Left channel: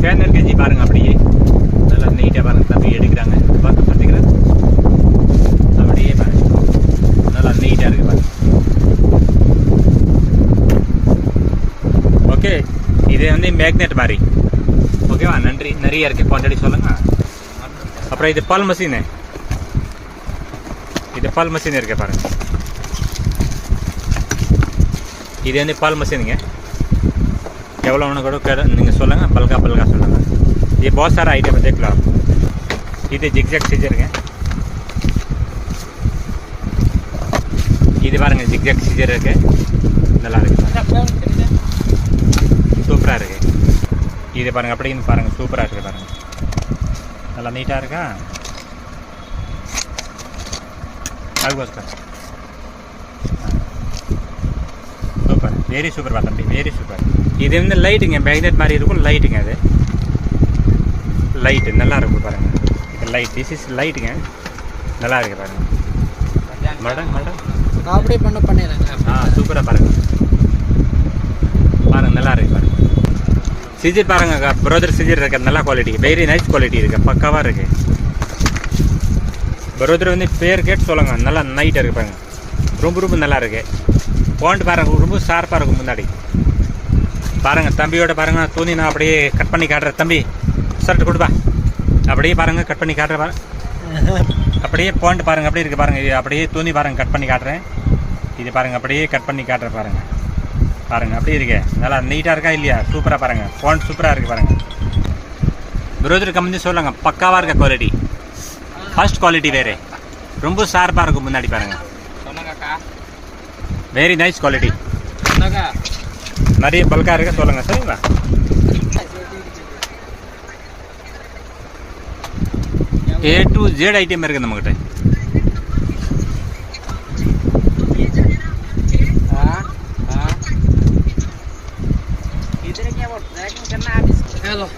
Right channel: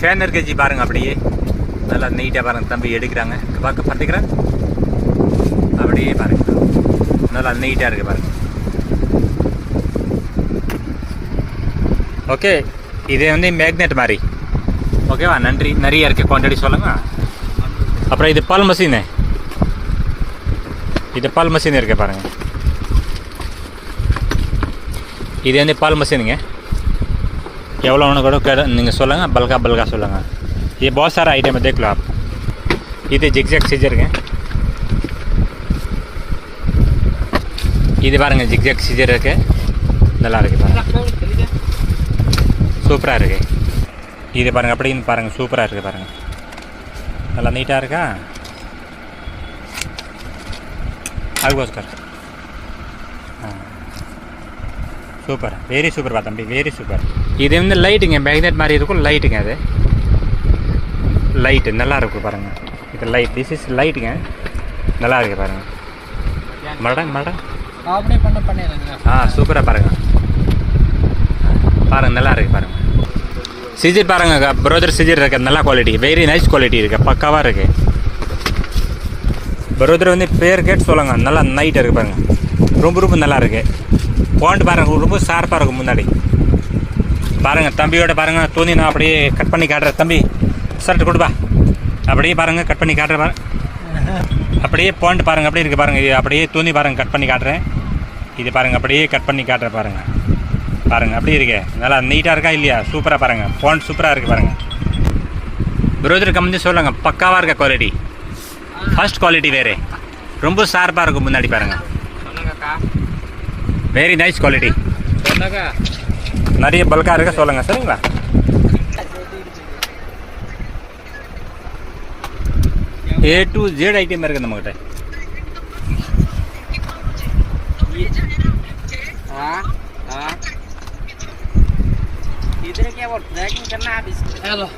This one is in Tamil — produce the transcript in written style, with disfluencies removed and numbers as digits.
ஃபேன் இருக்கு ஜி பாருங்க, அப்படியே நல்லா நீட்டாக பாருங்க தம்பி எடுக்கிறாங்க. பார்க்க பார்த்துக்கிறேன், அப்படியே பாருங்க நல்லா நீட்டாக இருக்கு பாருங்க. ஓகே, இதே வந்து மேக்னெட் மாதிரி. ஓகேவா, நன்றி. நிறைய இருக்குது, குவான்டிட்டி சொல்லுங்க. அப்புறம் இது பால் மஷீனு, இது பால் மஷீன் இருக்கு பாருங்க. இது வந்து பால் மஷீனுங்க. எவ்வளோ ஒன்று கூட நீங்கள் சொல்லுங்கள், பல்கா சொல்லுங்கள். ये बहुत सारा आइटम है, देख लो आप. இது ஜிக்ஜாக் சிஜருங்க. இது பாருங்க ஜிக்ஜாக் சிஜர் இருக்கு, நல்லா இருக்கு பாருங்க, சூப்பராக இருக்கு. இது பாருங்க அப்படின்னு பாருங்க, சூப்பராக இருக்கு பாருங்க, நல்லா நீட்டாக இருக்கா. அதுக்கோஸ்கர் சூப்பர், வெரி சூப்பர் பா தம்பி, வெரி சூப்பர். இது வந்து லைட்டுங்க, மேக்னெட் மாதிரி இருக்கும் லைட்டுங்க. அது லைட்டு நல்லா இருக்கும் பாருங்கள். இது லைட், திஸ் இஸ் லைட்டுங்க, நல்லா இருக்கு பாருங்கள். மேடம் அப்படியே பண்ணிடுறேங்க. சூப்பராக பாருங்கள், பாருங்கள் நல்லா இருக்கு பாருங்கள். சிஜர் பாருங்க, ப்ரோதர் சிஜர் இருக்கு, நல்ல குவாலிட்டி, வெரி நைஸ் குவாலிட்டி இருக்குது, பக்காவாக இருக்குது. ப்ரோதர் வந்து பேர் கேட்டு சொல்லுங்க, நல்லா நைட்டாக இருக்குது பாருங்கள், ரொம்ப நல்லா இருக்குது. பாயிண்ட் பாருங்கள், ரொம்ப ஷார்ப்பாக இருக்கும். முன்னாடி பாருங்கள் தம்பியோட பாருங்கள், துணி நான் அப்படியே கட் பண்ணி காட்டுறேன். தம்பி ஷர்ட் கொடுப்பா, அப்படியே பாருங்கள் கட் பண்ணி காட்டுறேன் பாருங்க. அப்படியே பாயிண்ட் பாருங்கள், அப்படியே இருக்குது பாருங்கள். இது அப்படியே துணி பாருங்கள், கட் பண்ணி காட்டுறேன். இது பாருங்கள், அப்படியே கட் பண்ணி காட்டுறேன் பாருங்கள். பாருங்கள் அப்படியே இருக்கு, நல்லா நீட்டாக இருக்கா இல்லையா? சூப்பராக பாருங்கள், பாயிண்ட் சூப்பராக இருக்குது பாருங்கள். ப்ரோதர் கம்பெனி சொல்லுங்க, பக்காவாக இருக்க குவாலிட்டி, ஃபர்ஸ்ட் குவாலிட்டி வேறு, ரொம்ப ஷார்ப்பாக இருக்கும். முன்னாடி பாருங்கள், வெரி நைஸ் குவாலிட்டி, நிறைய பல்காக இருக்க சொல்லுங்கள். சரிங்களா? A to Z ஐட்டம் இருக்குது நம்மகிட்ட. इधर क्या बोल रहा है कि करना है? हेलो,